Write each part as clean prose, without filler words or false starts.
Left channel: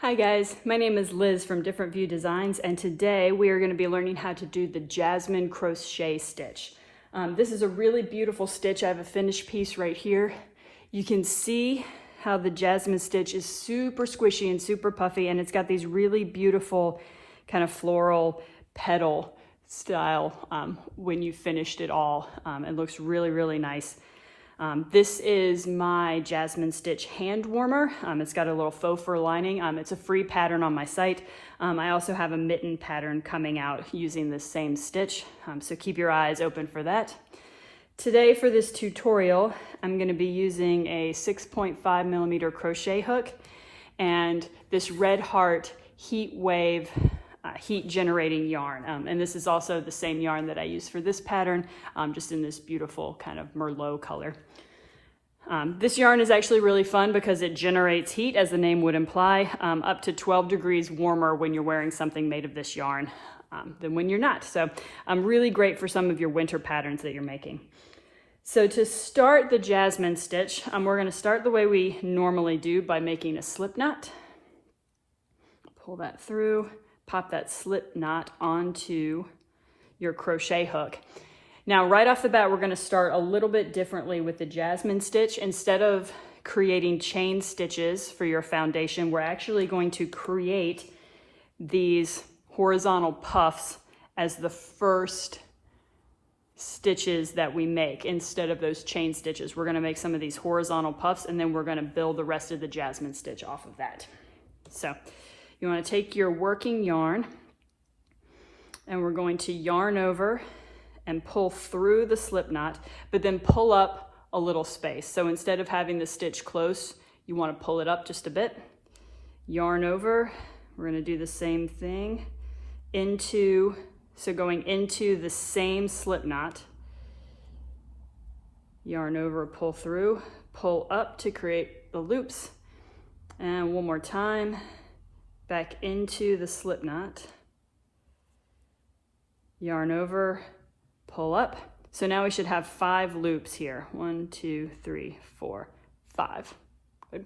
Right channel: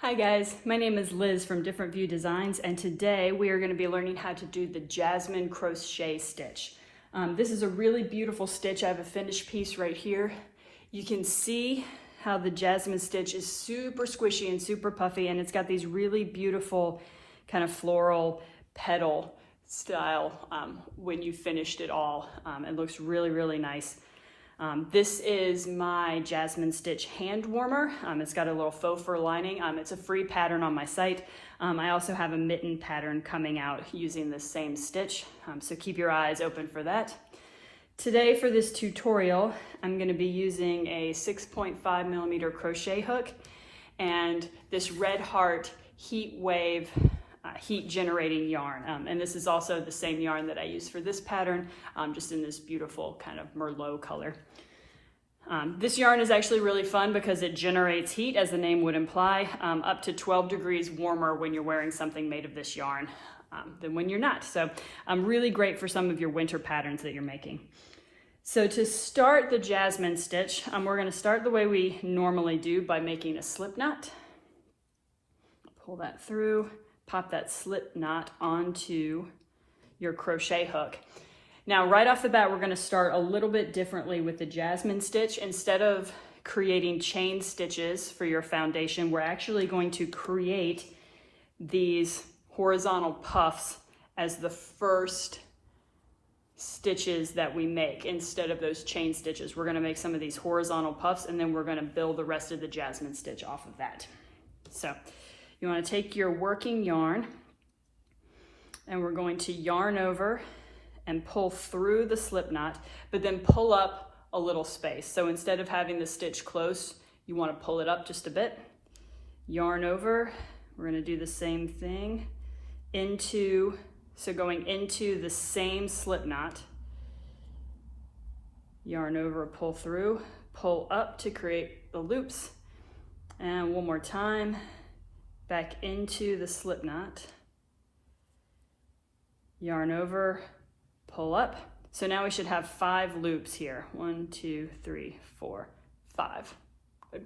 Hi guys, my name is Liz from Different View Designs, and today we are going to be learning how to do the Jasmine crochet stitch. This is a really beautiful stitch. I have a finished piece right here. You can see how the Jasmine stitch is super squishy and super puffy, and it's got these really beautiful kind of floral petal style when you finished it all. It looks really, really nice. This is my Jasmine stitch hand warmer. It's got a little faux fur lining. It's a free pattern on my site. I also have a mitten pattern coming out using this same stitch, so keep your eyes open for that. Today for this tutorial, I'm going to be using a 6.5mm crochet hook and this Red Heart Heat Wave heat generating yarn. And this is also the same yarn that I use for this pattern, just in this beautiful kind of Merlot color. This yarn is actually really fun because it generates heat, as the name would imply, up to 12 degrees warmer when you're wearing something made of this yarn than when you're not. So really great for some of your winter patterns that you're making. So to start the Jasmine stitch, we're going to start the way we normally do by making a slip knot. Pull that through. Pop that slip knot onto your crochet hook. Now, right off the bat, we're going to start a little bit differently with the Jasmine stitch. Instead of creating chain stitches for your foundation, we're actually going to create these horizontal puffs as the first stitches that we make. Instead of those chain stitches, we're going to make some of these horizontal puffs, and then we're going to build the rest of the Jasmine stitch off of that. So you want to take your working yarn, and we're going to yarn over and pull through the slip knot, but then pull up a little space. So instead of having the stitch close, you want to pull it up just a bit. Yarn over, we're going to do the same thing so going into the same slip knot. Yarn over, pull through, pull up to create the loops, and one more time. Back into the slip knot, yarn over, pull up. So now we should have 5 loops here. 1, 2, 3, 4, 5. Good.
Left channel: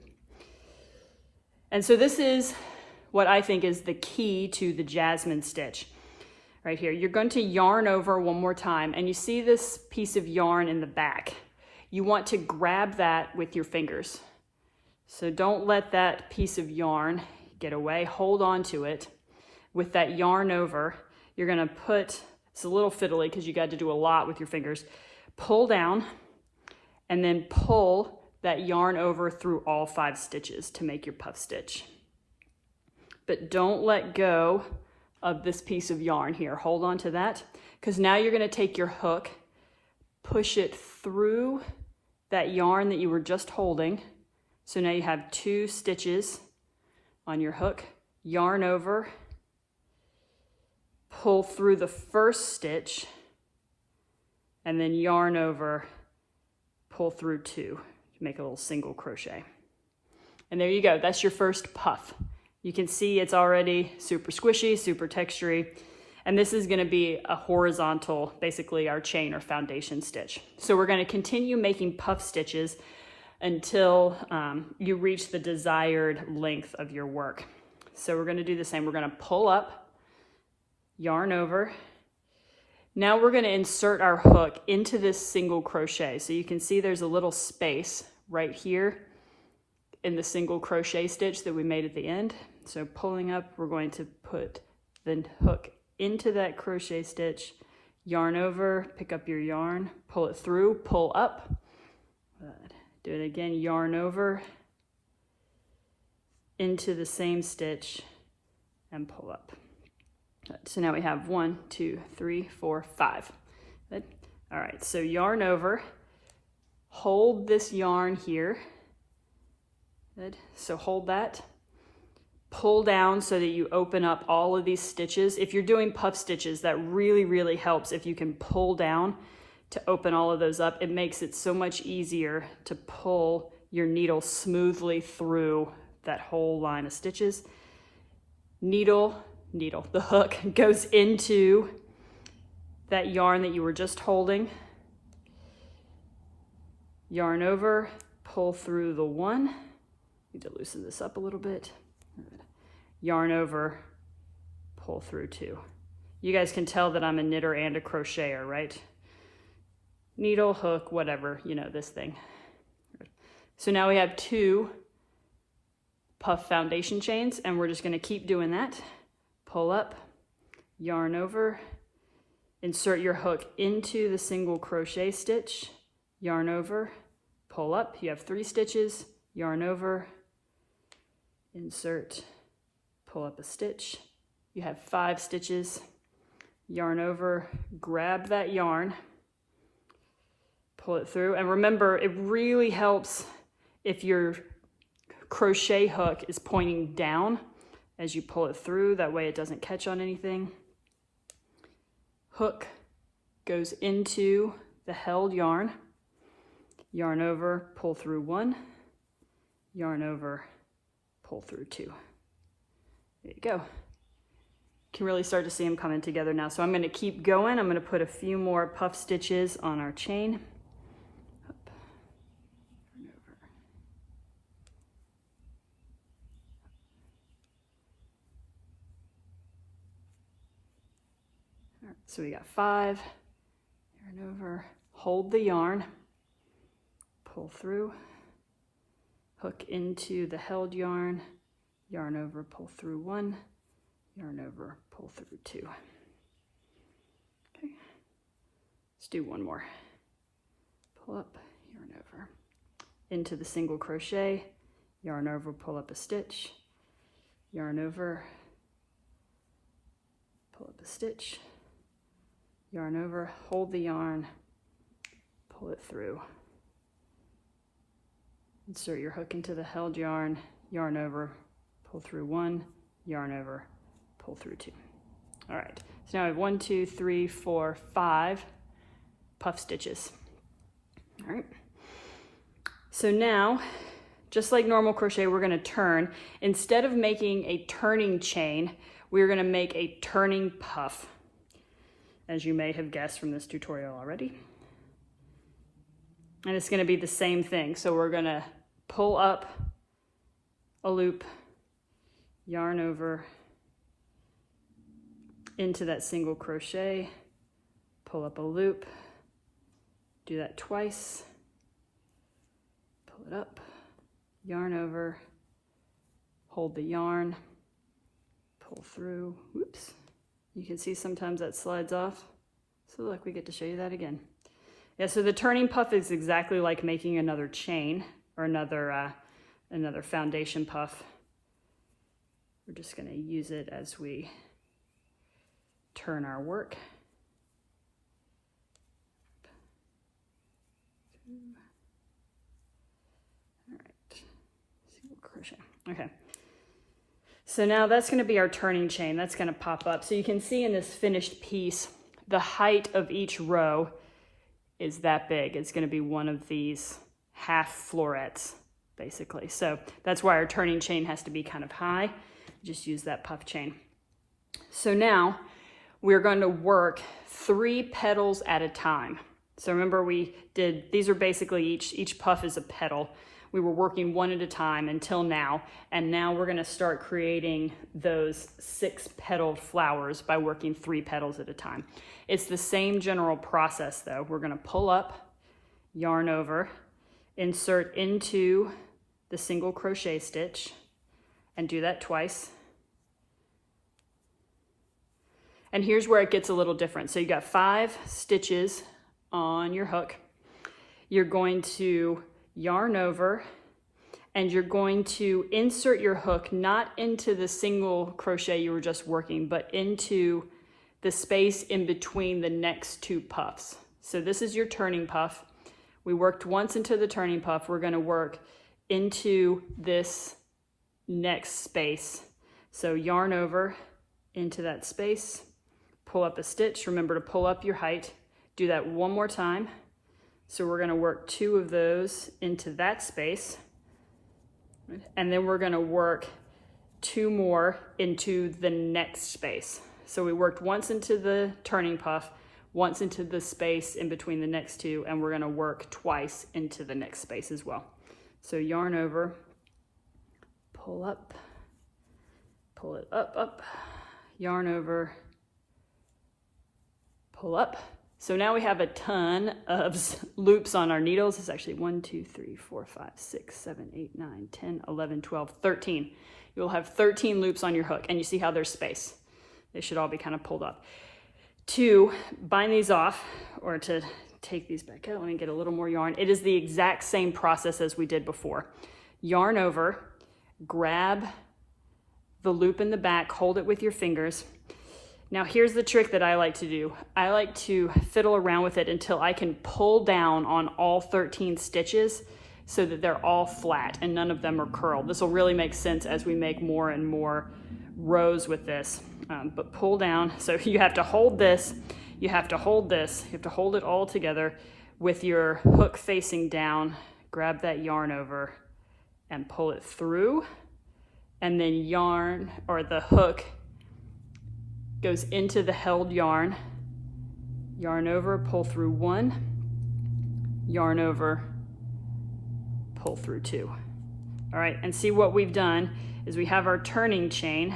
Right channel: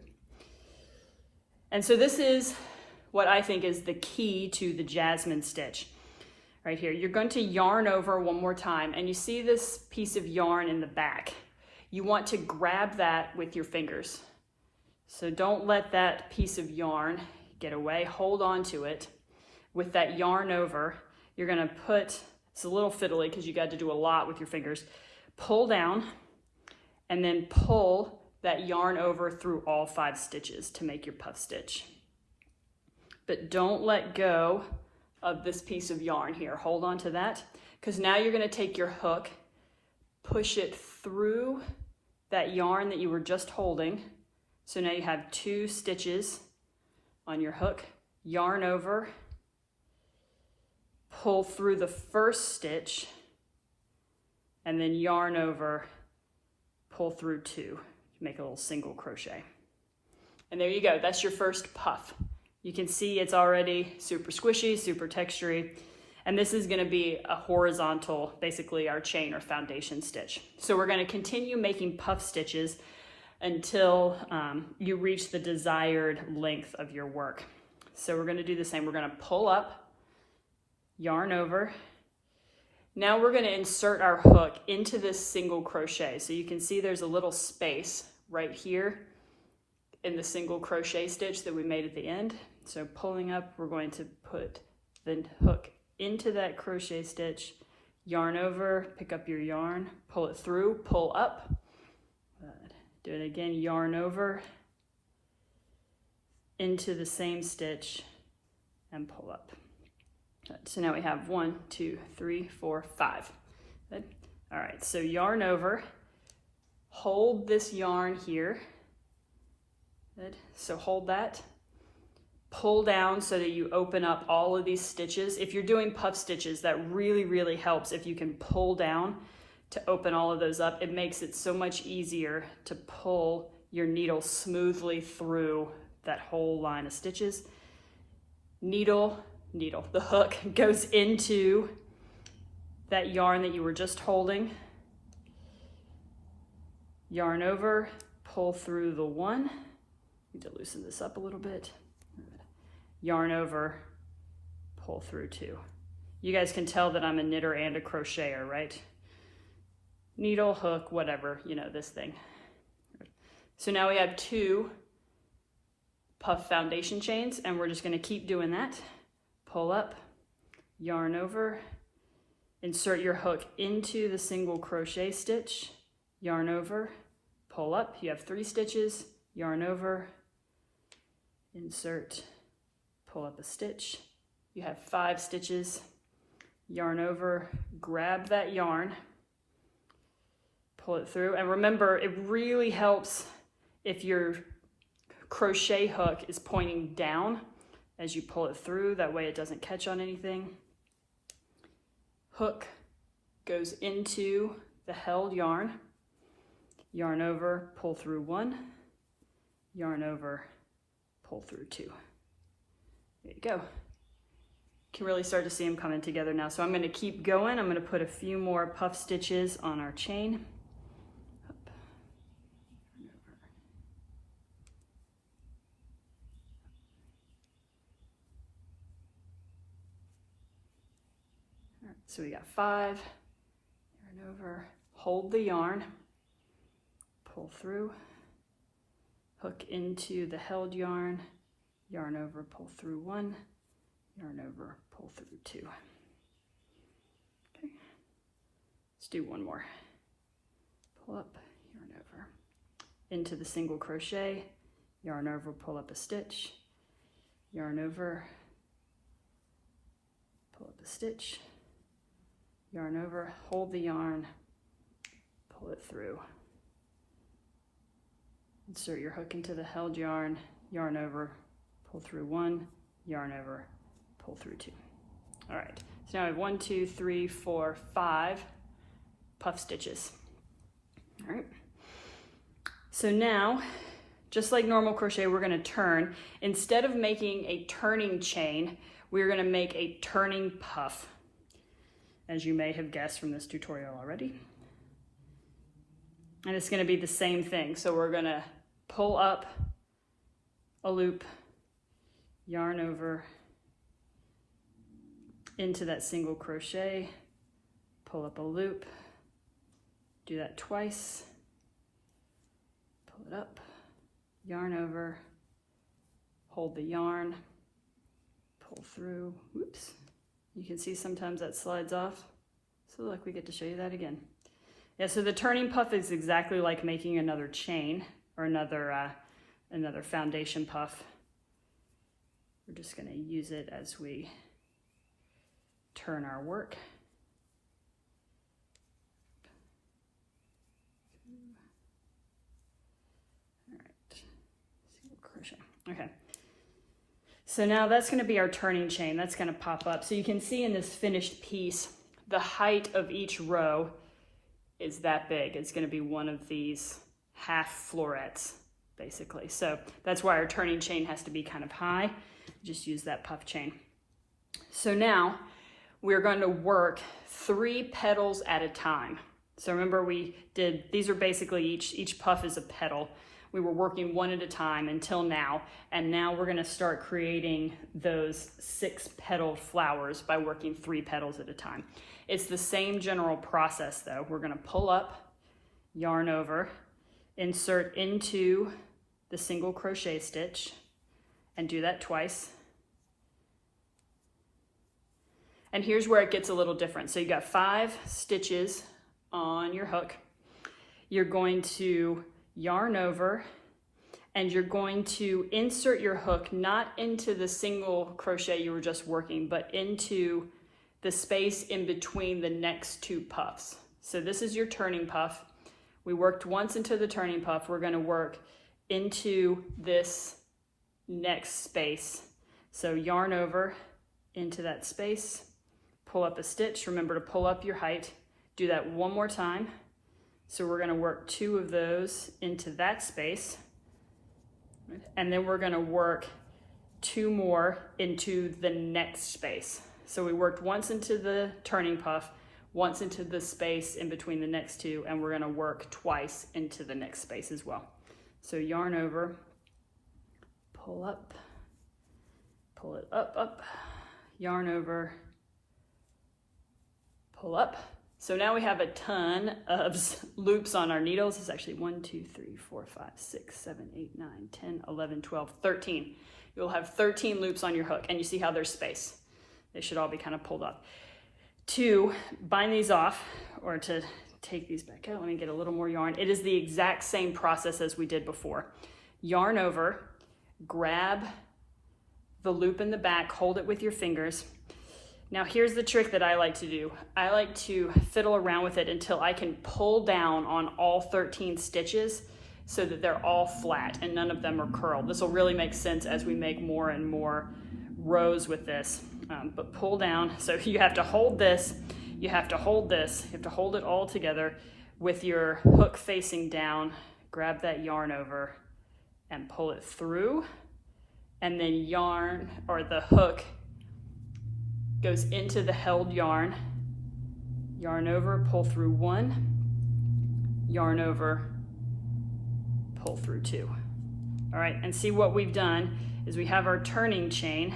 And so this is what I think is the key to the Jasmine stitch. Right here, you're going to yarn over one more time, and you see this piece of yarn in the back. You want to grab that with your fingers. So don't let that piece of yarn get away, hold on to it. With that yarn over, you're gonna put, it's a little fiddly because you got to do a lot with your fingers, pull down and then pull that yarn over through all 5 stitches to make your puff stitch. But don't let go of this piece of yarn here. Hold on to that, because now you're gonna take your hook, push it through that yarn that you were just holding. So now you have 2 stitches on your hook, yarn over, pull through the first stitch, and then yarn over, pull through 2 to make a little single crochet. And there you go, that's your first puff. You can see it's already super squishy, super textury, and this is gonna be a horizontal, basically our chain or foundation stitch. So we're gonna continue making puff stitches until you reach the desired length of your work. So we're gonna do the same. We're gonna pull up, yarn over. Now we're gonna insert our hook into this single crochet. So you can see there's a little space right here in the single crochet stitch that we made at the end. So pulling up, we're going to put the hook into that crochet stitch, yarn over, pick up your yarn, pull it through, pull up. Do it again, yarn over into the same stitch and pull up. So now we have 1, 2, 3, 4, 5. Good. All right, so yarn over, hold this yarn here. Good, so hold that. Pull down so that you open up all of these stitches. If you're doing puff stitches, that really, really helps if you can pull down to open all of those up. It makes it so much easier to pull your needle smoothly through that whole line of stitches. Needle, the hook goes into that yarn that you were just holding. Yarn over, pull through the 1. Need to loosen this up a little bit. yarn over, pull through 2. You guys can tell that I'm a knitter and a crocheter, right? Needle, hook, whatever, you know, this thing. So now we have 2 puff foundation chains, and we're just going to keep doing that. Pull up, yarn over, insert your hook into the single crochet stitch, yarn over, pull up. You have 3 stitches, yarn over, insert, pull up a stitch. You have 5 stitches, yarn over, grab that yarn, pull it through. And remember, it really helps if your crochet hook is pointing down as you pull it through. That way it doesn't catch on anything. Hook goes into the held yarn, yarn over, pull through 1, yarn over, pull through 2. There you go. You can really start to see them coming together now. So I'm going to keep going. I'm going to put a few more puff stitches on our chain. Up, turn over. All right, so we got 5, yarn over, hold the yarn, pull through, hook into the held yarn, yarn over, pull through 1, yarn over, pull through 2. Okay, let's do one more. Pull up, yarn over, into the single crochet, yarn over, pull up a stitch, yarn over, pull up a stitch, yarn over, hold the yarn, pull it through. Insert your hook into the held yarn, yarn over, pull through 1, yarn over, pull through 2. All right, so now I have 1, 2, 3, 4, 5 puff stitches. All right, so now, just like normal crochet, we're gonna turn. Instead of making a turning chain, we're gonna make a turning puff, as you may have guessed from this tutorial already. And it's gonna be the same thing. So we're gonna pull up a loop, yarn over into that single crochet, pull up a loop, do that twice, pull it up, yarn over, hold the yarn, pull through, whoops. You can see sometimes that slides off. So look, we get to show you that again. Yeah, so the turning puff is exactly like making another chain or another foundation puff. We're just gonna use it as we turn our work. All right, single crochet. Okay, so now that's gonna be our turning chain. That's gonna pop up. So you can see in this finished piece, the height of each row is that big. It's gonna be one of these half florets, basically. So that's why our turning chain has to be kind of high. Just use that puff chain. So now we're going to work 3 petals at a time. So remember we did, these are basically each puff is a petal. We were working one at a time until now, and now we're gonna start creating those 6 petal flowers by working 3 petals at a time. It's the same general process though. We're gonna pull up, yarn over, insert into the single crochet stitch, and do that twice. And here's where it gets a little different. So you got 5 stitches on your hook. You're going to yarn over, and you're going to insert your hook not into the single crochet you were just working, but into the space in between the next 2 puffs. So this is your turning puff. We worked once into the turning puff. We're going to work into this next space. So yarn over into that space, pull up a stitch. Remember to pull up your height. Do that one more time. So we're going to work 2 of those into that space, and then we're going to work 2 more into the next space. So we worked once into the turning puff, once into the space in between the next 2, and we're going to work twice into the next space as well. So yarn over, pull up, pull it up, up, yarn over, pull up. So now we have a ton of loops on our needles. It's actually 1, 2, 3, 4, 5, 6, 7, 8, 9, 10, 11, 12, 13. You'll have 13 loops on your hook, and you see how there's space. They should all be kind of pulled up. To bind these off, or to take these back out, let me get a little more yarn. It is the exact same process as we did before. Yarn over, grab the loop in the back, hold it with your fingers. Now here's the trick that I like to do. I like to fiddle around with it until I can pull down on all 13 stitches so that they're all flat and none of them are curled. This will really make sense as we make more and more rows with this. But pull down, so you have to hold this, you have to hold this, you have to hold it all together with your hook facing down, grab that yarn over and pull it through, and then yarn, or the hook goes into the held yarn, yarn over, pull through 1, yarn over, pull through 2. All right, and see what we've done is we have our turning chain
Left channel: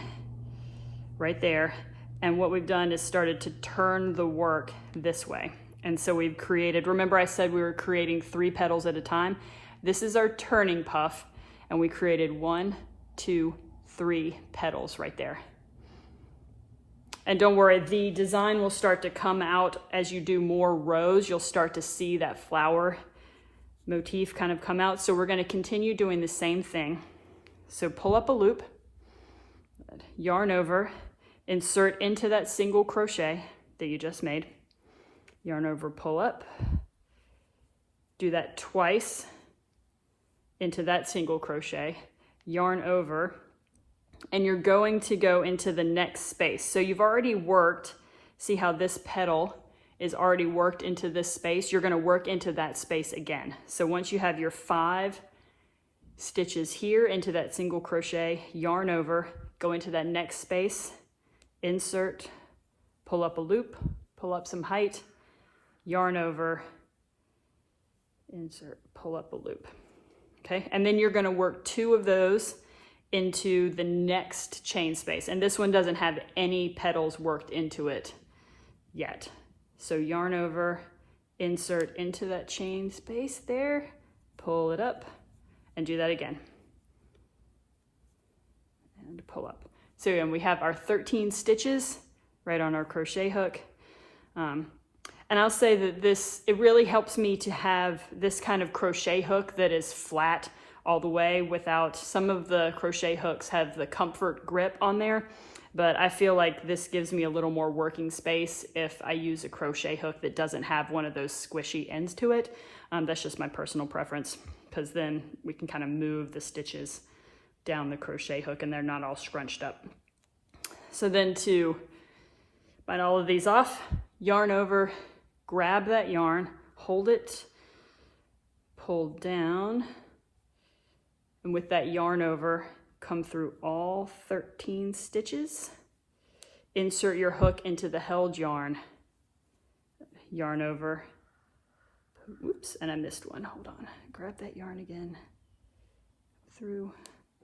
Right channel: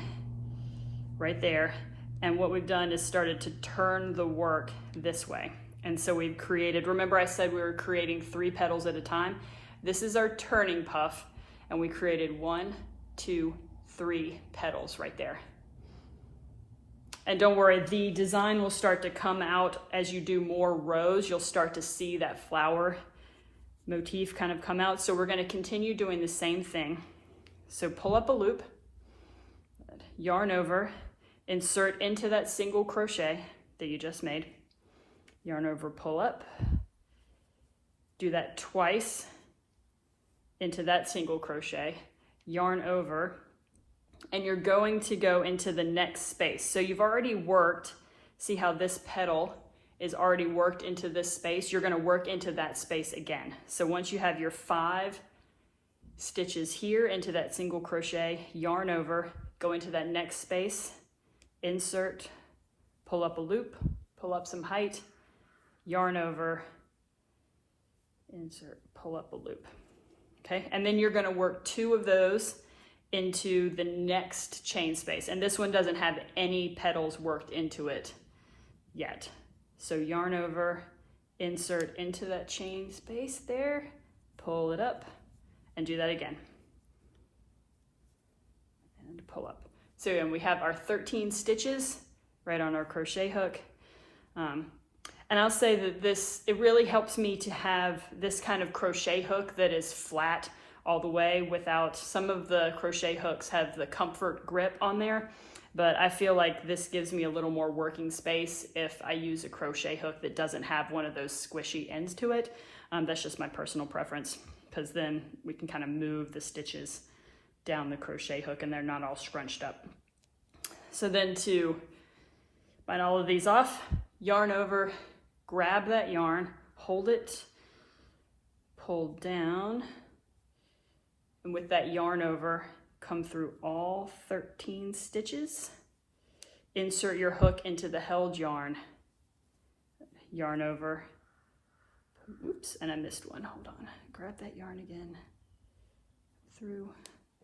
right there, and what we've done is started to turn the work this way. And so we've created, remember I said we were creating 3 petals at a time? This is our turning puff, and we created 1, 2, 3 petals right there. And don't worry, the design will start to come out as you do more rows. You'll start to see that flower motif kind of come out. So we're going to continue doing the same thing. So pull up a loop, yarn over, insert into that single crochet that you just made, yarn over, pull up, do that twice into that single crochet, yarn over, and you're going to go into the next space. So you've already worked, see how this petal is already worked into this space? You're going to work into that space again. So once you have your 5 stitches here into that single crochet, yarn over, go into that next space, insert, pull up a loop, pull up some height, yarn over, insert, pull up a loop. Okay, and then you're going to work 2 of those into the next chain space, and this one doesn't have any petals worked into it yet. So yarn over, insert into that chain space there, pull it up, and do that again, and pull up. So again, we have our 13 stitches right on our crochet hook, and I'll say that it really helps me to have this kind of crochet hook that is flat all the way. Without, some of the crochet hooks have the comfort grip on there, but I feel like this gives me a little more working space if I use a crochet hook that doesn't have one of those squishy ends to it. That's just my personal preference, because then we can kind of move the stitches down the crochet hook and they're not all scrunched up. So then to bind all of these off, yarn over, grab that yarn, hold it, pull down, and with that yarn over, come through all 13 stitches, insert your hook into the held yarn, yarn over, oops, and I missed one, hold on, grab that yarn again, through,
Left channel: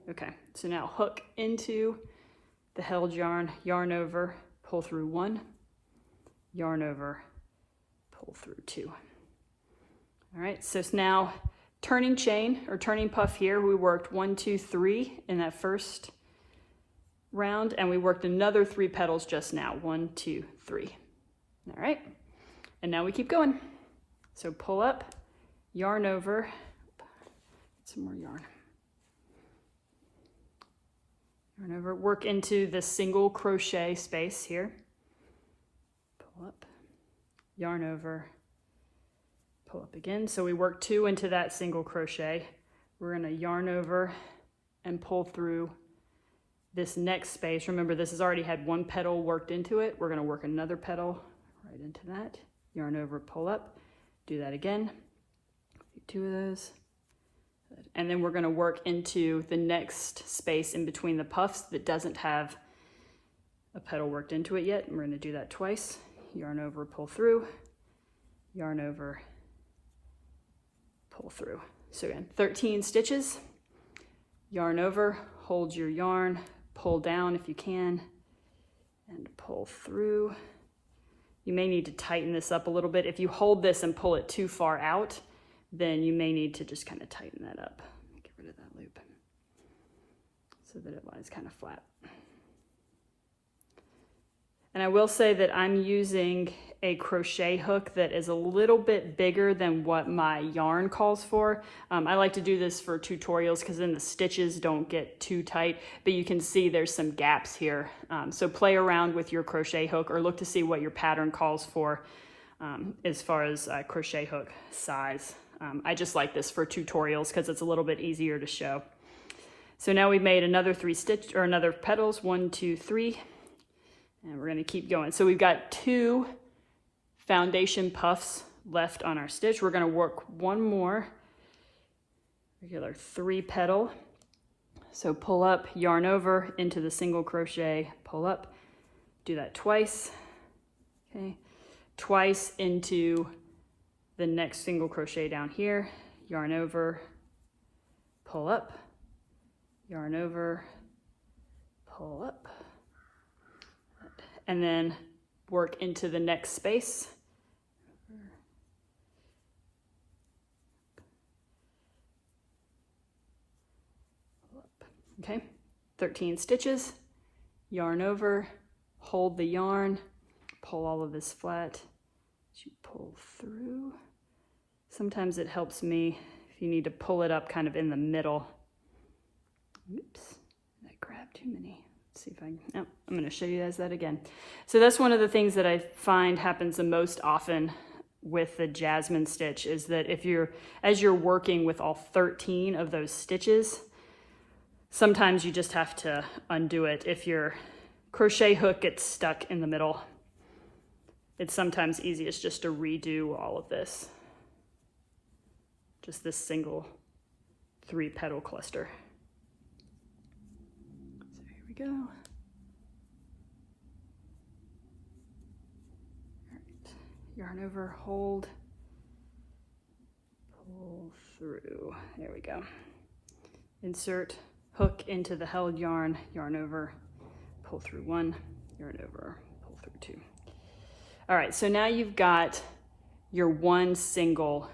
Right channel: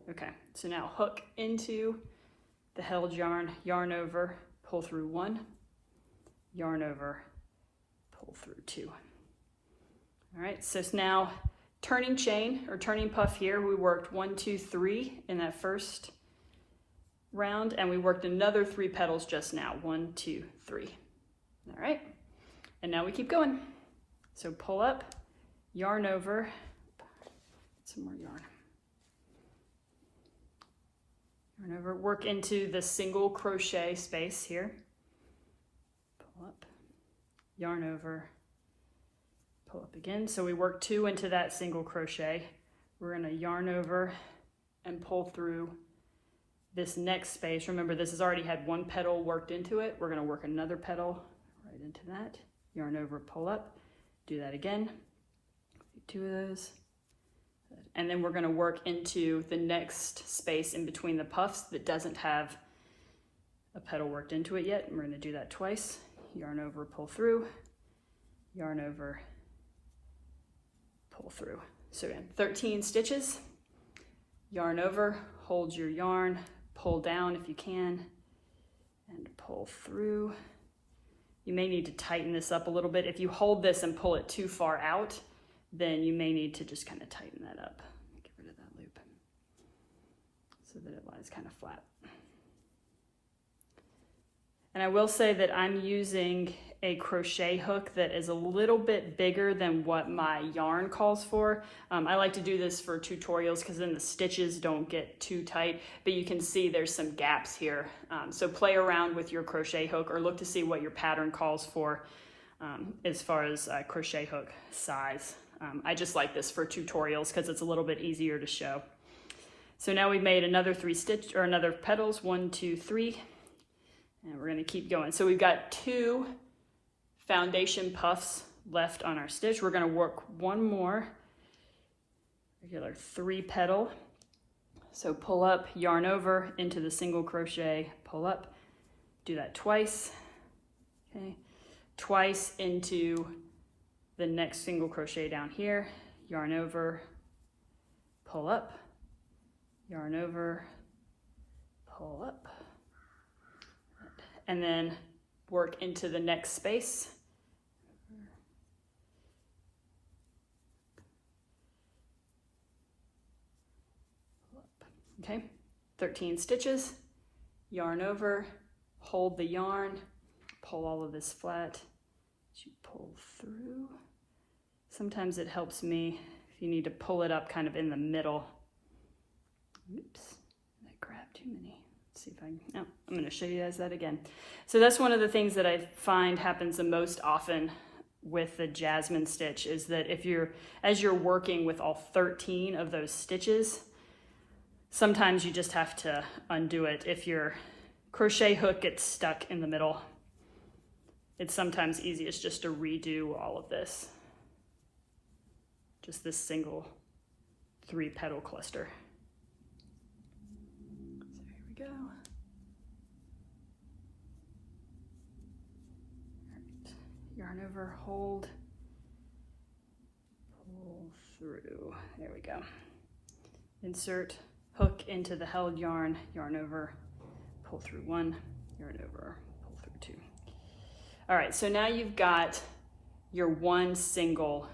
okay, so now hook into the held yarn, yarn over, pull through 1, yarn over, pull through 2. All right, so it's now turning chain or turning puff here. We worked 1, 2, 3 in that first round, and we worked another 3 petals just now, 1, 2, 3. All right, and now we keep going. So pull up, yarn over, some more yarn. Yarn over, work into the single crochet space here. Pull up, yarn over, pull up again. So we work 2 into that single crochet. We're going to yarn over and pull through this next space. Remember, this has already had 1 petal worked into it. We're going to work another petal right into that. Yarn over, pull up, do that again. 2 of those. And then we're going to work into the next space in between the puffs that doesn't have a petal worked into it yet. And we're going to do that twice. Yarn over, pull through, yarn over, pull through. So again, 13 stitches, yarn over, hold your yarn, pull down if you can and pull through. You may need to tighten this up a little bit. If you hold this and pull it too far out, then you may need to just kind of tighten that up. Get rid of that loop so that it lies kind of flat. And I will say that I'm using a crochet hook that is a little bit bigger than what my yarn calls for. I like to do this for tutorials because then the stitches don't get too tight, but you can see there's some gaps here. So play around with your crochet hook or look to see what your pattern calls for as far as crochet hook size. I just like this for tutorials because it's a little bit easier to show. So now we've made another another petals, 1, 2, 3. And we're gonna keep going. So we've got 2 foundation puffs left on our stitch. We're gonna work one more regular 3 petal. So pull up, yarn over into the single crochet, pull up, do that twice, okay? Twice into the next single crochet down here, yarn over, pull up, yarn over, pull up, and then work into the next space. Okay, 13 stitches, yarn over, hold the yarn, pull all of this flat, as you pull through. Sometimes it helps me if you need to pull it up kind of in the middle. Oops, I grabbed too many. See if I can, oh, I'm going to show you guys that again. So that's one of the things that I find happens the most often with the Jasmine stitch is that as you're working with all 13 of those stitches, sometimes you just have to undo it. If your crochet hook gets stuck in the middle, it's sometimes easiest just to redo all of this. Just this single 3 petal cluster. Go. All right. Yarn over, hold, pull through. There we go. Insert hook into the held yarn, yarn over, pull through 1, yarn over, pull through 2. All right, so now you've got your 1 single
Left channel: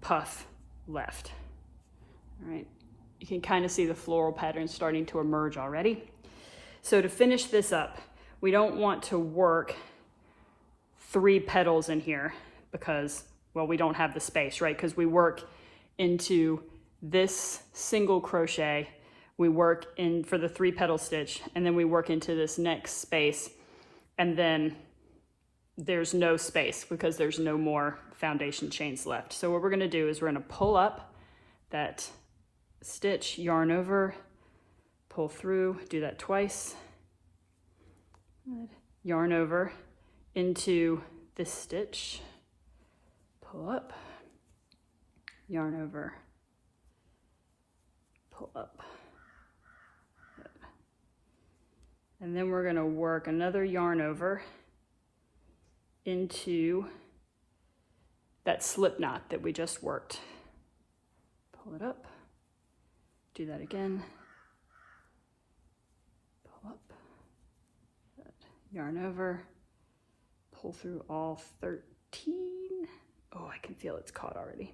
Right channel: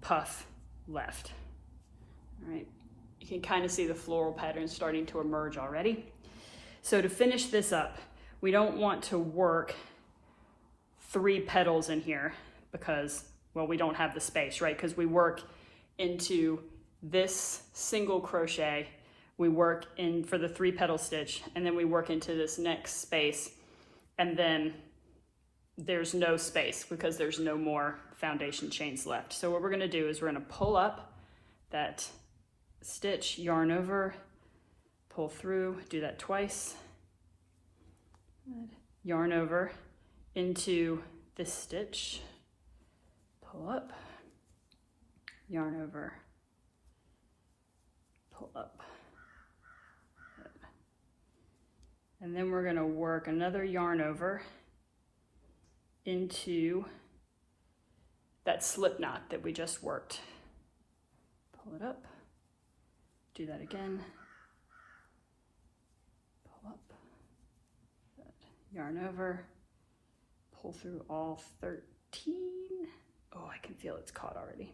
puff left. All right. You can kind of see the floral pattern starting to emerge already. So to finish this up, we don't want to work 3 petals in here because, well, we don't have the space, right? Because we work into this single crochet, we work in for the 3 petal stitch, and then we work into this next space, and then there's no space because there's no more foundation chains left. So what we're gonna do is we're gonna pull up that stitch, yarn over, pull through, do that twice, yarn over into this stitch, pull up, yarn over, pull up. And then we're going to work another yarn over into that slip knot that we just worked. Pull it up. Do that again. Pull up. Yarn over. Pull through all 13. Oh, I can feel it's caught already.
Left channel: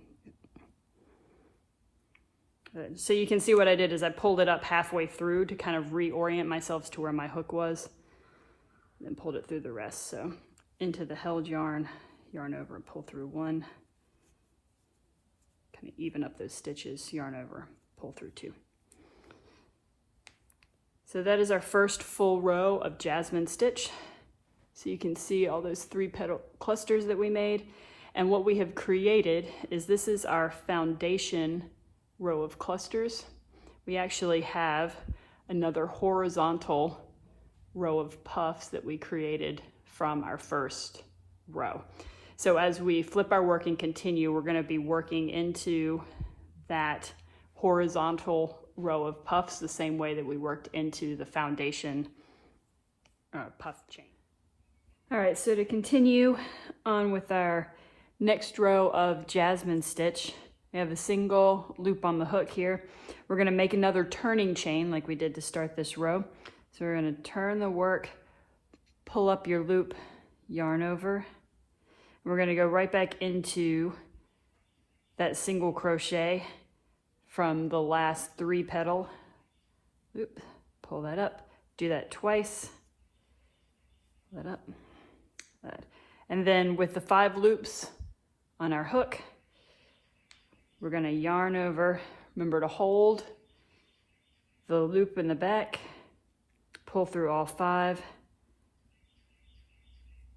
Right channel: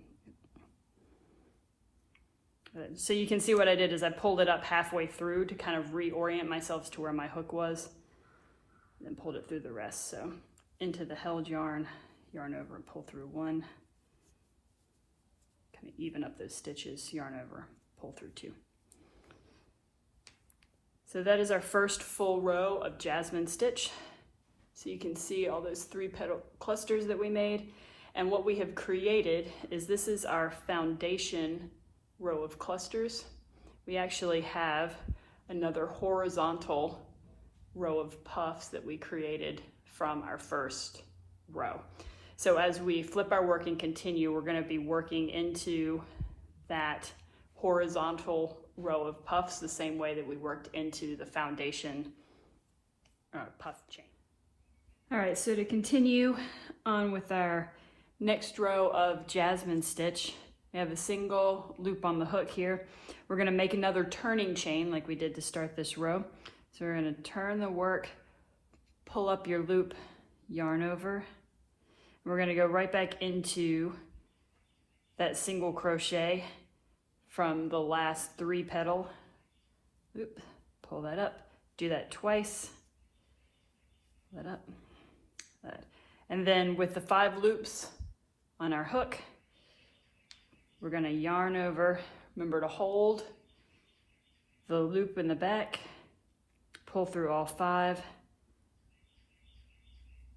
Good. So you can see what I did is I pulled it up halfway through to kind of reorient myself to where my hook was, and then pulled it through the rest. So into the held yarn, yarn over, pull through 1. Kind of even up those stitches, yarn over, pull through 2. So that is our first full row of Jasmine stitch. So you can see all those 3 petal clusters that we made. And what we have created is this is our foundation row of clusters. We actually have another horizontal row of puffs that we created from our first row. So as we flip our work and continue, we're going to be working into that horizontal row of puffs the same way that we worked into the foundation puff chain. All right, so to continue on with our next row of Jasmine stitch, We have a single loop on the hook here. We're gonna make another turning chain like we did to start this row. So we're gonna turn the work, pull up your loop, yarn over. We're gonna go right back into that single crochet from the last 3 petal. Loop, pull that up, do that twice, pull that up, that. And then with the 5 loops on our hook, we're gonna yarn over. Remember to hold the loop in the back, pull through all 5.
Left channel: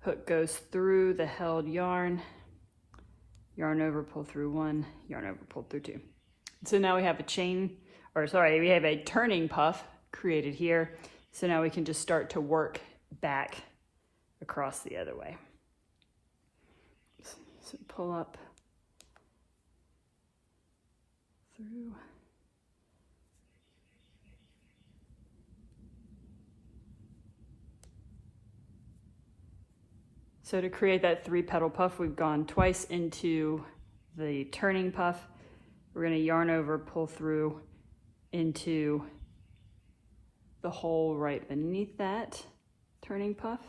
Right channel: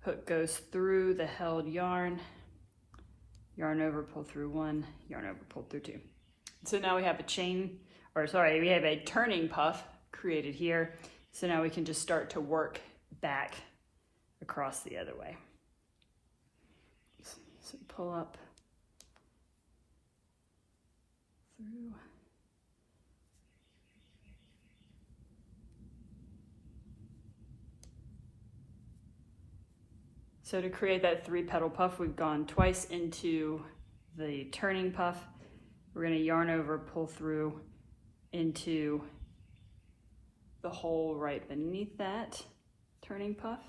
Hook goes through the held yarn, yarn over, pull through 1, yarn over, pull through 2. So now we have a chain, or sorry, we have a turning puff created here. So now we can just start to work back across the other way. So pull up through. So to create that 3 petal puff, we've gone twice into the turning puff. We're gonna yarn over, pull through into the hole right beneath that turning puff.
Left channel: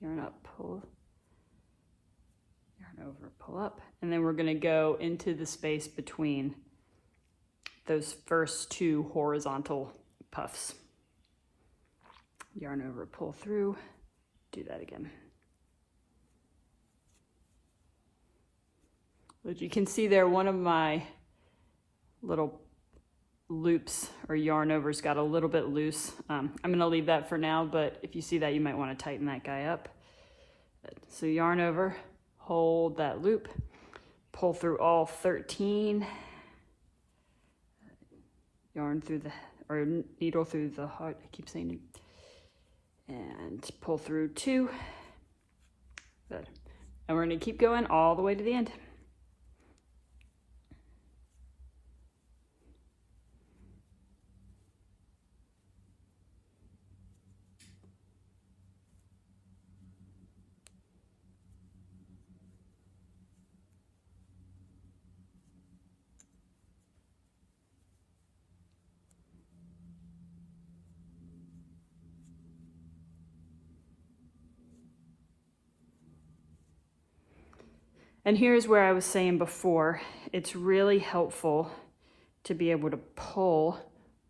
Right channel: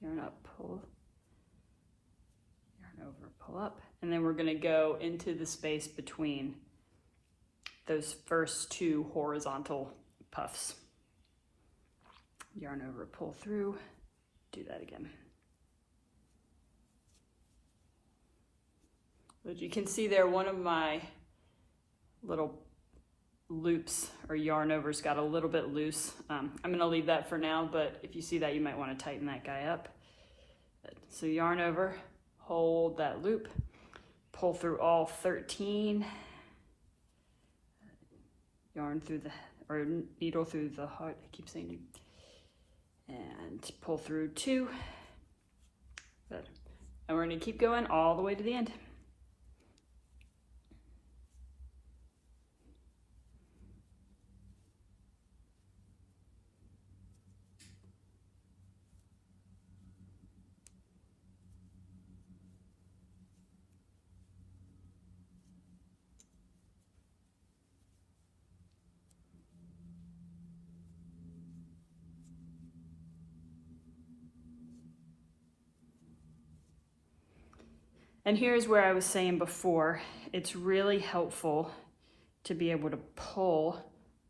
Yarn up, pull, yarn over, pull up. And then we're gonna go into the space between those first 2 horizontal puffs. Yarn over, pull through, do that again. As you can see there, one of my little loops or yarn overs got a little bit loose. I'm gonna leave that for now, but if you see that, you might wanna tighten that guy up. So yarn over, hold that loop, pull through all 13, yarn through the, or needle through the heart, I keep saying it, and pull through 2. Good. And we're gonna keep going all the way to the end. And here's where I was saying before, it's really helpful to be able to pull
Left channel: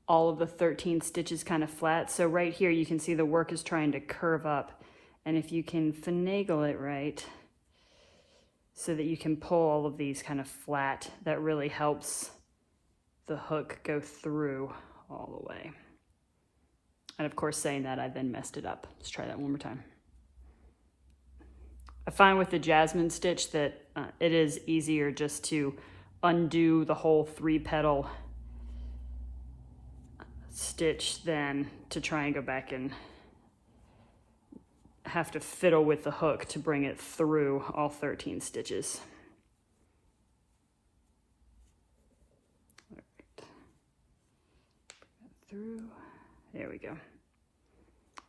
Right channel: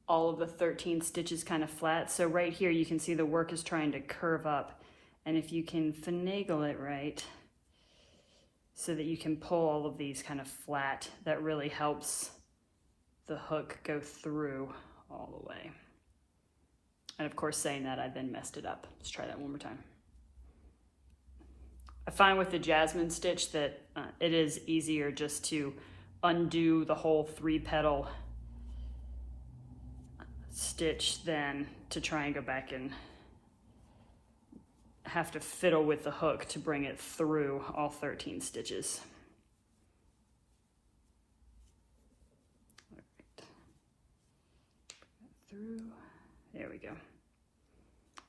all of the 13 stitches kind of flat. So right here, you can see the work is trying to curve up. And if you can finagle it right, so that you can pull all of these kind of flat, that really helps the hook go through all the way. And of course, saying that, I then messed it up. Let's try that one more time. I find with the Jasmine stitch that it is easier just to undo the whole 3 petal stitch than to try and go back and have to fiddle with the hook to bring it through all 13 stitches. All right. Through, there we go.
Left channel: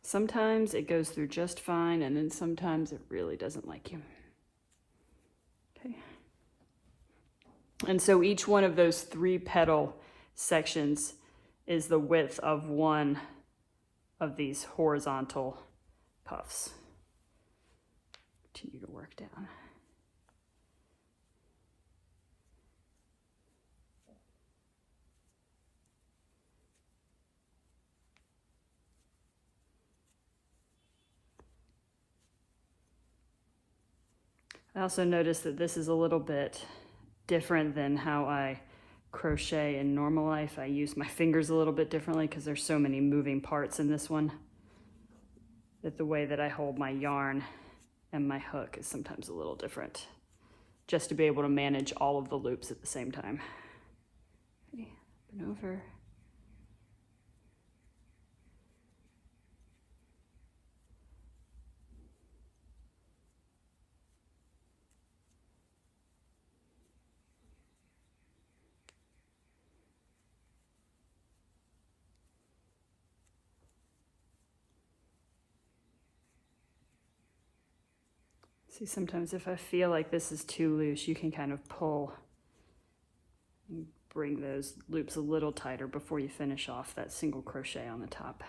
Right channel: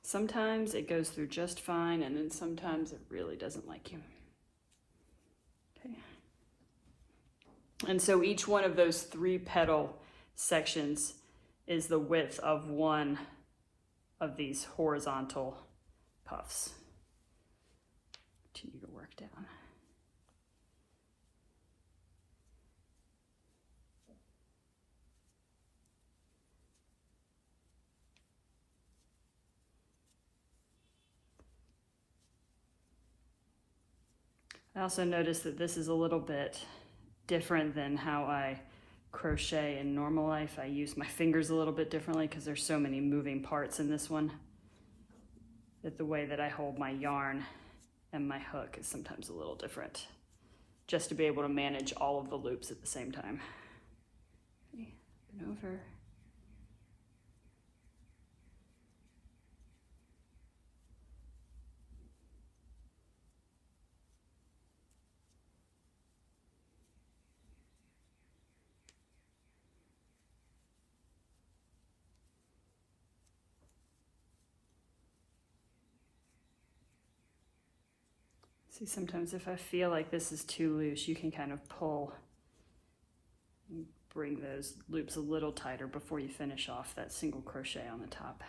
Sometimes it goes through just fine, and then sometimes it really doesn't like you. Okay. And so each one of those 3 petal sections is the width of one of these horizontal puffs. Continue to work down. I also noticed that this is a little bit different than how I crochet in normal life. I use my fingers a little bit differently because there's so many moving parts in this one, that the way that I hold my yarn and my hook is sometimes a little different, just to be able to manage all of the loops at the same time. Okay, up and over. See, sometimes if I feel like this is too loose, you can kind of pull Bring those loops a little tighter before you finish off that single crochet on the top.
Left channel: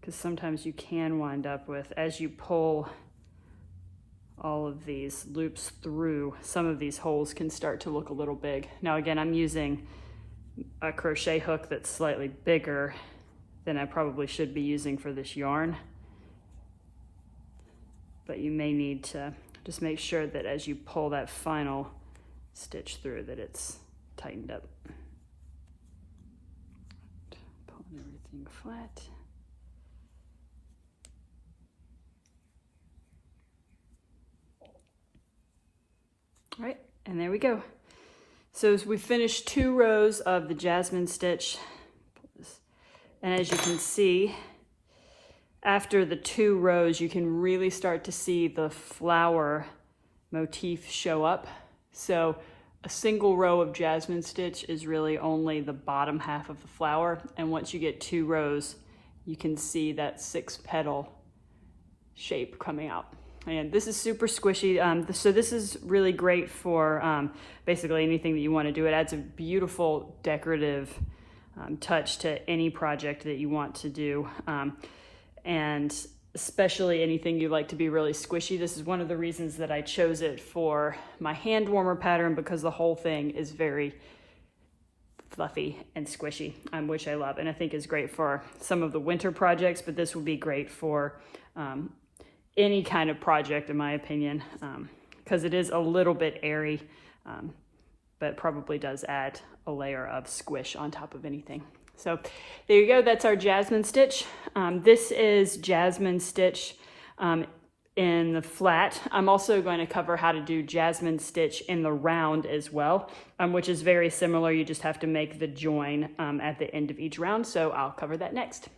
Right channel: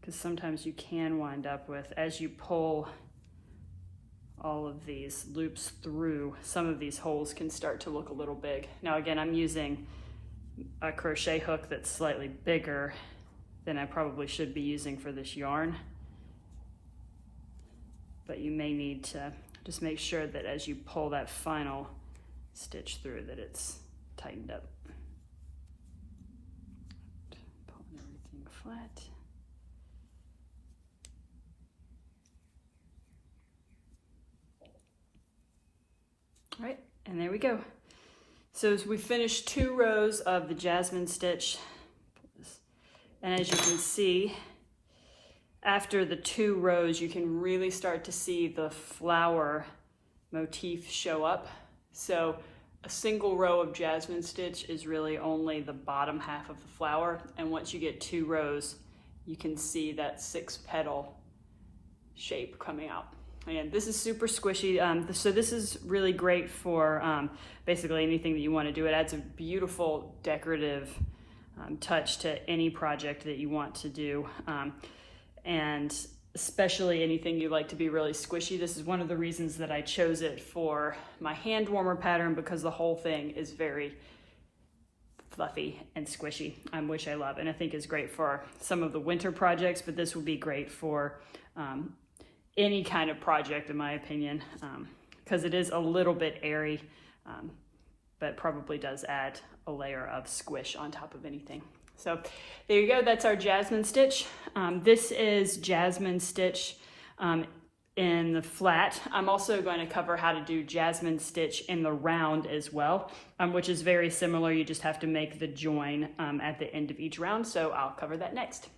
Because sometimes you can wind up with, as you pull all of these loops through, some of these holes can start to look a little big. Now again, I'm using a crochet hook that's slightly bigger than I probably should be using for this yarn. But you may need to just make sure that as you pull that final stitch through that it's tightened up. Pulling everything flat. All right, and there we go. So as we finish 2 rows of the Jasmine stitch, and as you can see, after the 2 rows, you can really start to see the flower motif show up. So a single row of Jasmine stitch is really only the bottom half of the flower, and once you get 2 rows, you can see that 6-petal shape coming out. And this is super squishy, so this is really great for basically anything that you want to do. It adds a beautiful decorative touch to any project that you want to do, and especially anything you like to be really squishy. This is one of the reasons that I chose it for my hand warmer pattern, because the whole thing is very fluffy and squishy, which I love, and I think is great for some of the winter projects, but this would be great for any kind of project in my opinion, because it is a little bit airy, but probably does add a layer of squish on top of anything. So there you go, that's our Jasmine stitch. This is Jasmine stitch in the flat. I'm also going to cover how to do Jasmine stitch in the round as well, which is very similar. You just have to make the join at the end of each round, so I'll cover that next.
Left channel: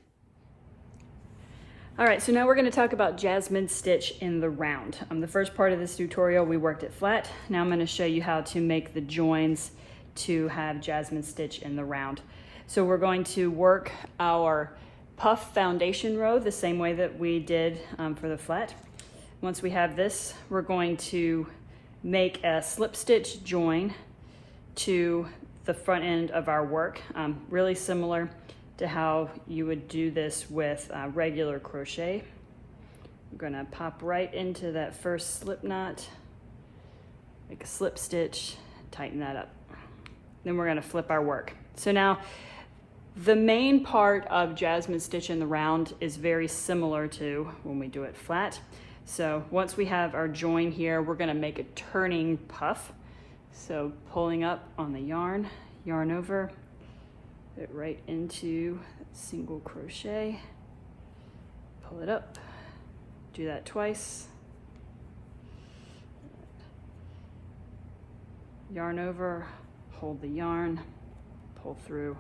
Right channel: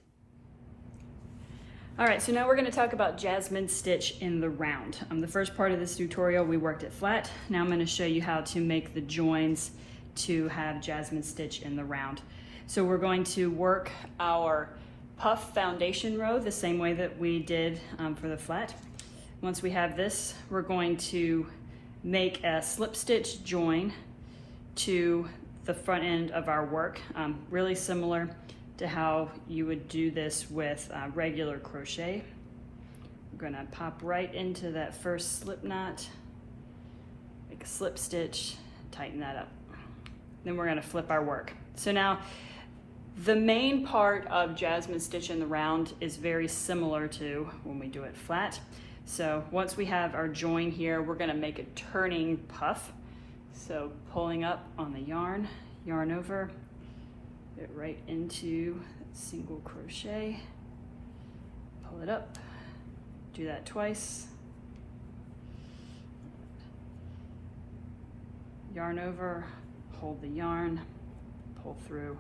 All right, so now we're going to talk about Jasmine stitch in the round. The first part of this tutorial we worked it flat. Now I'm going to show you how to make the joins to have Jasmine stitch in the round. So we're going to work our puff foundation row the same way that we did for the flat. Once we have this, we're going to make a slip stitch join to the front end of our work, really similar to how you would do this with regular crochet. We're going to pop right into that first slip knot, make a slip stitch, tighten that up. Then we're going to flip our work. So now the main part of Jasmine stitch in the round is very similar to when we do it flat. So once we have our join here, we're going to make a turning puff. So pulling up on the yarn, yarn over, it right into single crochet, pull it up, do that twice, yarn over, hold the yarn, pull through,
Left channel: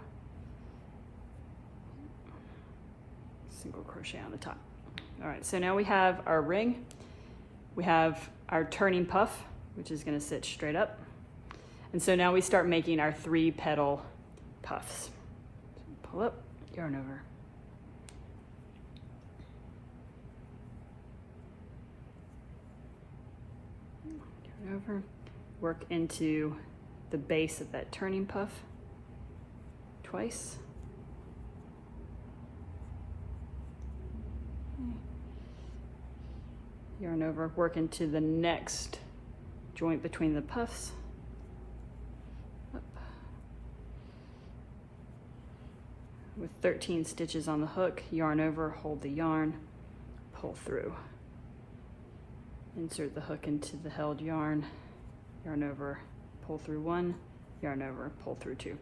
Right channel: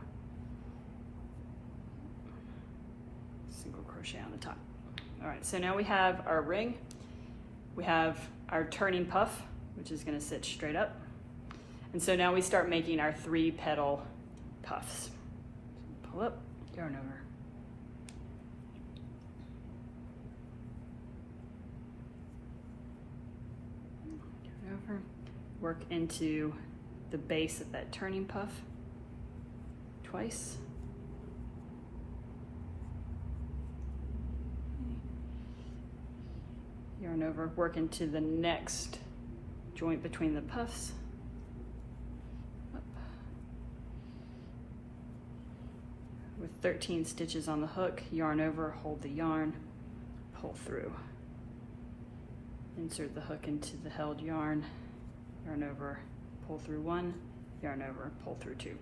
single crochet on the top. All right, so now we have our ring, we have our turning puff, which is going to sit straight up, and so now we start making our 3-petal puffs. So pull up, yarn over. Yarn over, work into the base of that turning puff twice. Yarn over, work into the next joint between the puffs. Up. With 13 stitches on the hook, yarn over, hold the yarn, pull through. Insert the hook into the held yarn, yarn over, pull through 1, yarn over, pull through 2.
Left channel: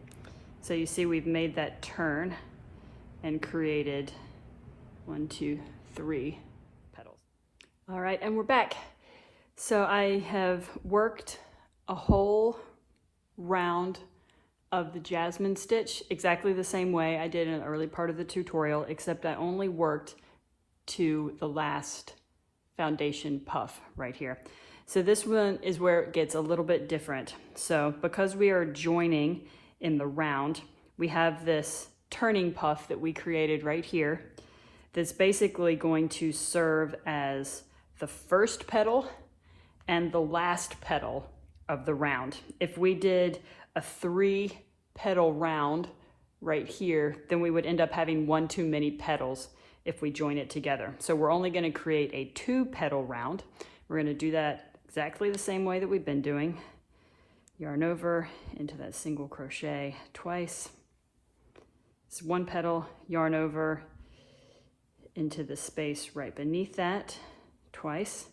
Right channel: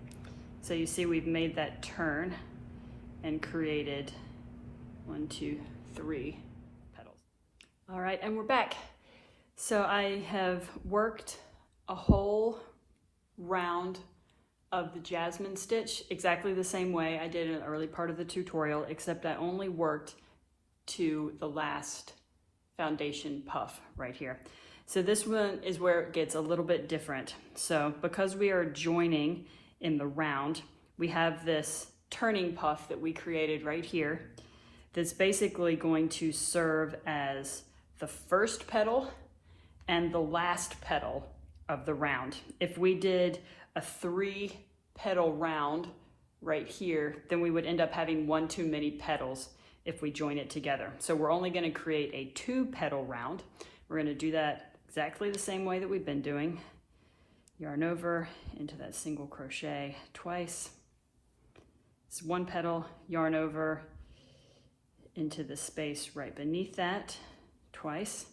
So you see we've made that turn and created 1, 2, 3 petals. All right, and we're back. So I have worked a whole round of the Jasmine stitch exactly the same way I did in the early part of the tutorial, except I only worked to the last foundation puff right here. So this one is where it gets a little bit different. So because we are joining in the round, we have this turning puff that we created right here that's basically going to serve as the first petal and the last petal of the round. If we did a 3-petal round right here, then we would end up having one too many petals if we join it together. So we're only going to create a 2-petal round. We're going to do that exactly the same way that we've been doing. Yarn over into that single crochet twice. It's 1 petal, yarn over into the space right beneath that twice.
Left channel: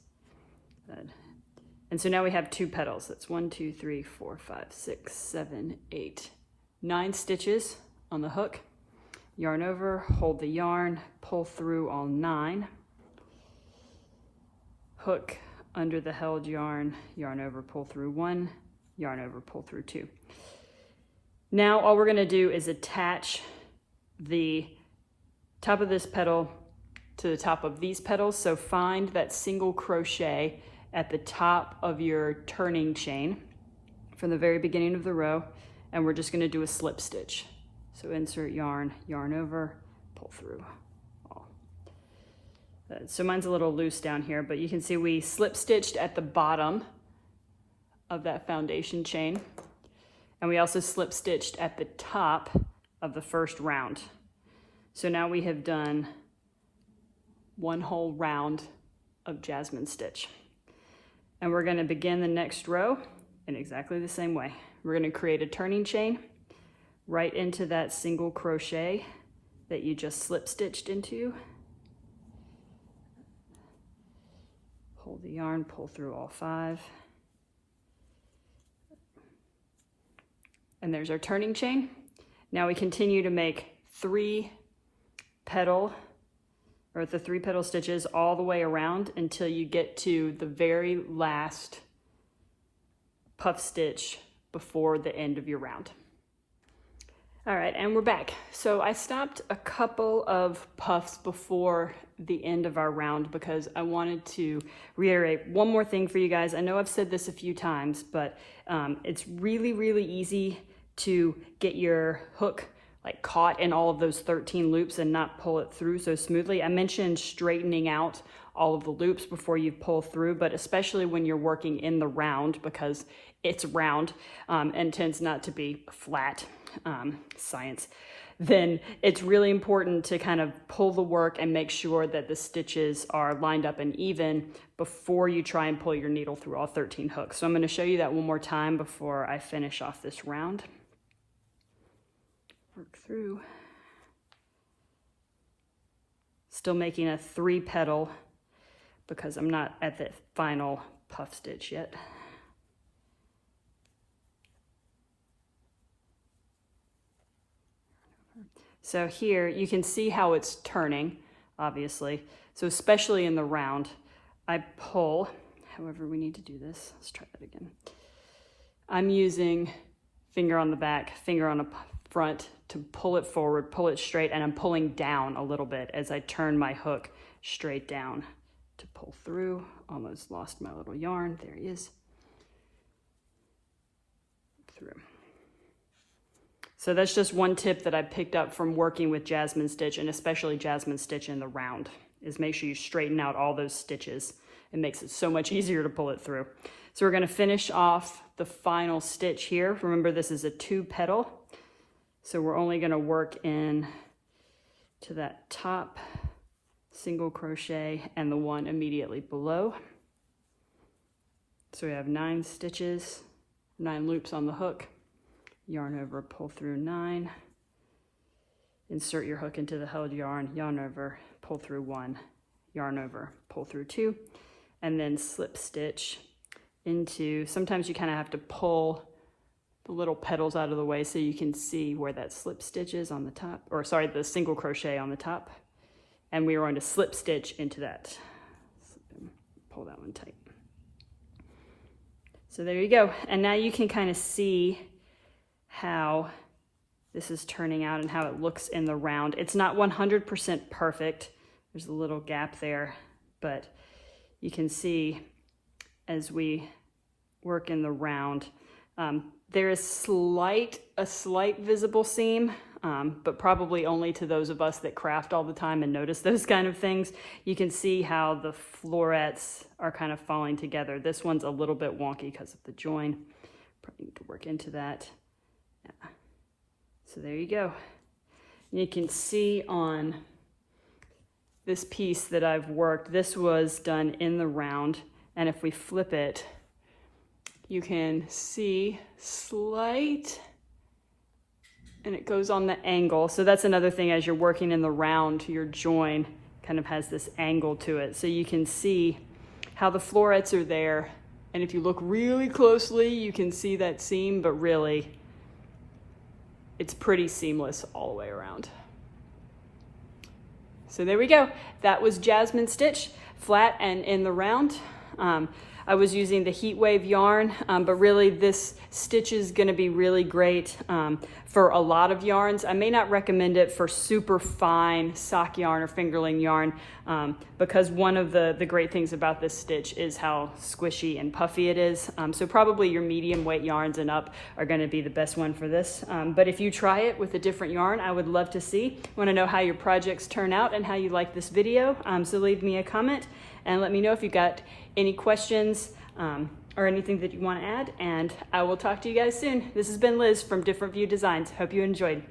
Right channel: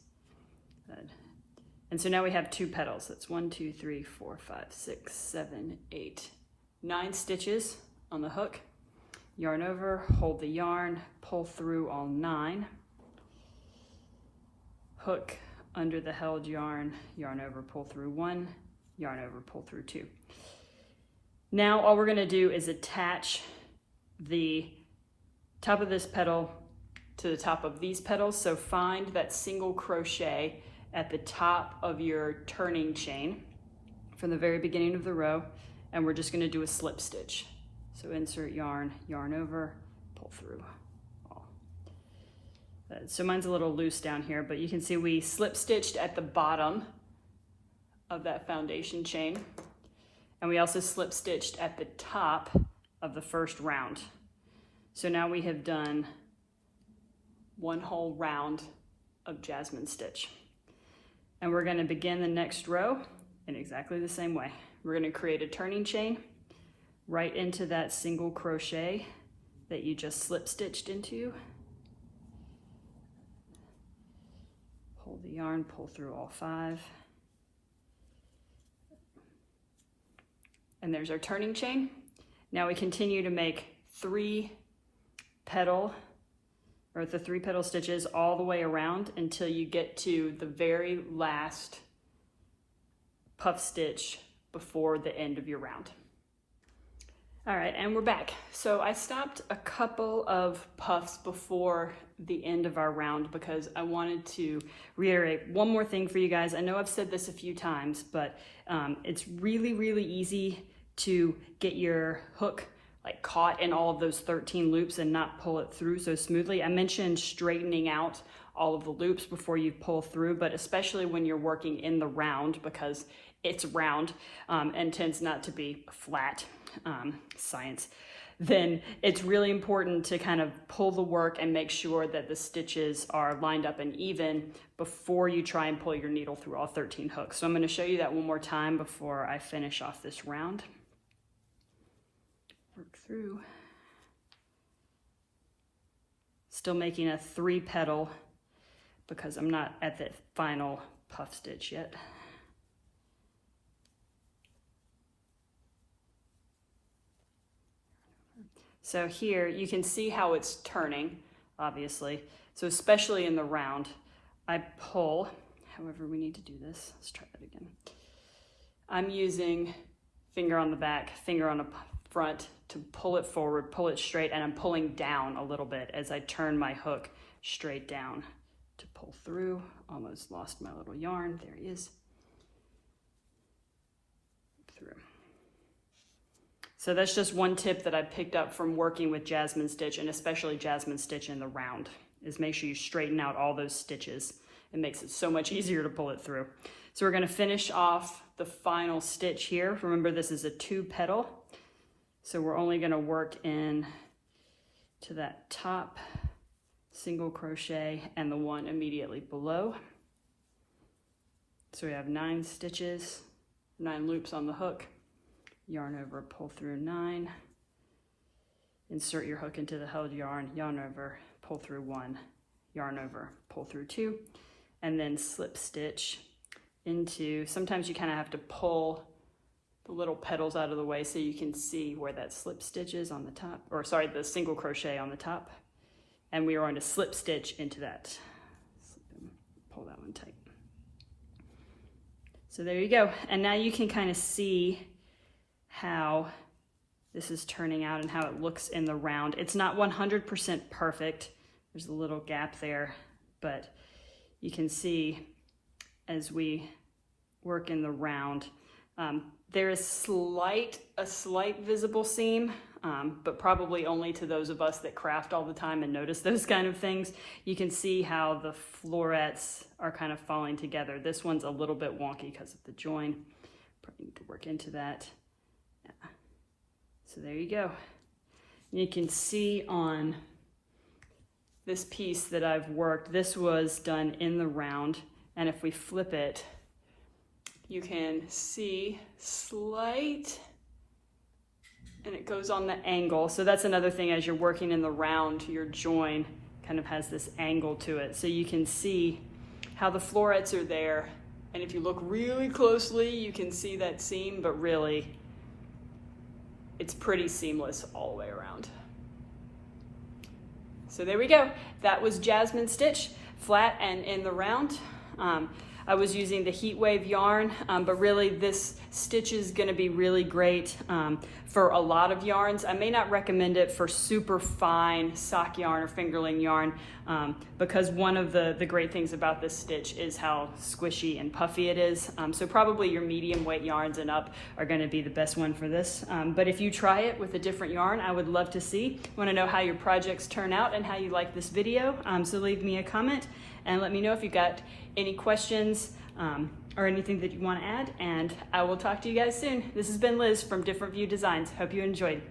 And so now we have 2 petals. That's 1, 2, 3, 4, 5, 6, 7, 8, 9 stitches on the hook. Yarn over, hold the yarn, pull through all 9. Hook under the held yarn, yarn over, pull through 1, yarn over, pull through 2. Now all we're going to do is attach the top of this petal to the top of these petals. So find that single crochet at the top of your turning chain from the very beginning of the row, and we're just going to do a slip stitch. So insert yarn, yarn over, pull through. So mine's a little loose down here, but you can see we slip stitched at the bottom of that foundation chain, and we also slip stitched at the top of the first round. So now we have done 1 whole round of Jasmine stitch. And we're going to begin the next row in exactly the same way. We're going to create a turning chain right into that single crochet that you just slip stitched into. Hold the yarn, pull through all 5. And there's our turning chain. Now we continue to make 3-petal or the 3-petal stitches all the way around until you get to the very last puff stitch before the end of your round. All right, and we're back. So I stopped a couple of puffs before the end of our round because I wanted to reiterate one more thing for you guys. I know I've said this a few times, but it's really, really easy to get your hook like caught in all of those 13 loops and not pull it through so smoothly. I mentioned straightening out all of the loops before you pull through, but especially when you're working in the round because it's round and tends not to be flat, science, then it's really important to kind of pull the work and make sure that the stitches are lined up and even before you try and pull your needle through all 13 hooks. So I'm going to show you that one more time before I finish off this round. Work through. Still making a 3-petal because I'm not at the final puff stitch yet. So here you can see how it's turning, obviously. So especially in the round, I pull, however we need to do this. Let's try that again. I'm using finger on the back, finger on the front to pull it forward, pull it straight, and I'm pulling down a little bit as I turn my hook straight down to pull through. Almost lost my little yarn. There he is. Through. So that's just one tip that I picked up from working with Jasmine stitch, and especially Jasmine stitch in the round, is make sure you straighten out all those stitches. It makes it so much easier to pull it through. So we're going to finish off the final stitch here. Remember, this is a 2-petal. So we're only going to work in to that top single crochet and the one immediately below. So we have 9 stitches, 9 loops on the hook, yarn over, pull through 9, insert your hook into the held yarn, yarn over, pull through 1, yarn over, pull through 2, and then slip stitch into, sometimes you kind of have to pull the little petals out of the way so you can see where that slip stitch is on the top, or sorry, the single crochet on the top. And we are going to slip stitch into that. Pull that one tight. So there you go. And now you can kind of see how this is turning out and how it looks in the round. It's not 100% perfect. There's a little gap there, but you can see as we work in the round, there is a slight visible seam but probably only to those of us that craft all the time and notice those kind of things. You can see how the florets are kind of falling together. This one's a little bit wonky because of the join. Probably need to work into that. Yeah. So there you go. You can see on this piece that I've worked, this was done in the round, and if we flip it, you can see slight, and it goes on the angle. So that's another thing, as you're working in the round, your join kind of has this angle to it. So you can see how the florets are there, and if you look really closely, you can see that seam, but really, it's pretty seamless all the way around. So there we go. That was Jasmine stitch, flat and in the round. I was using the heat wave yarn, but really this stitch is gonna be really great for a lot of yarns. I may not recommend it for super fine sock yarn or fingerling yarn because one of the great things about this stitch is how squishy and puffy it is. So probably your medium weight yarns and up are gonna be the best one for this. But if you try it with a different yarn, I would love to see. I wanna know how your projects turn out and how you like this video. So leave me a comment and let me know if you've got any questions or anything that you want to add, and I will talk to you guys soon. This has been Liz from Different View Designs. Hope you enjoyed.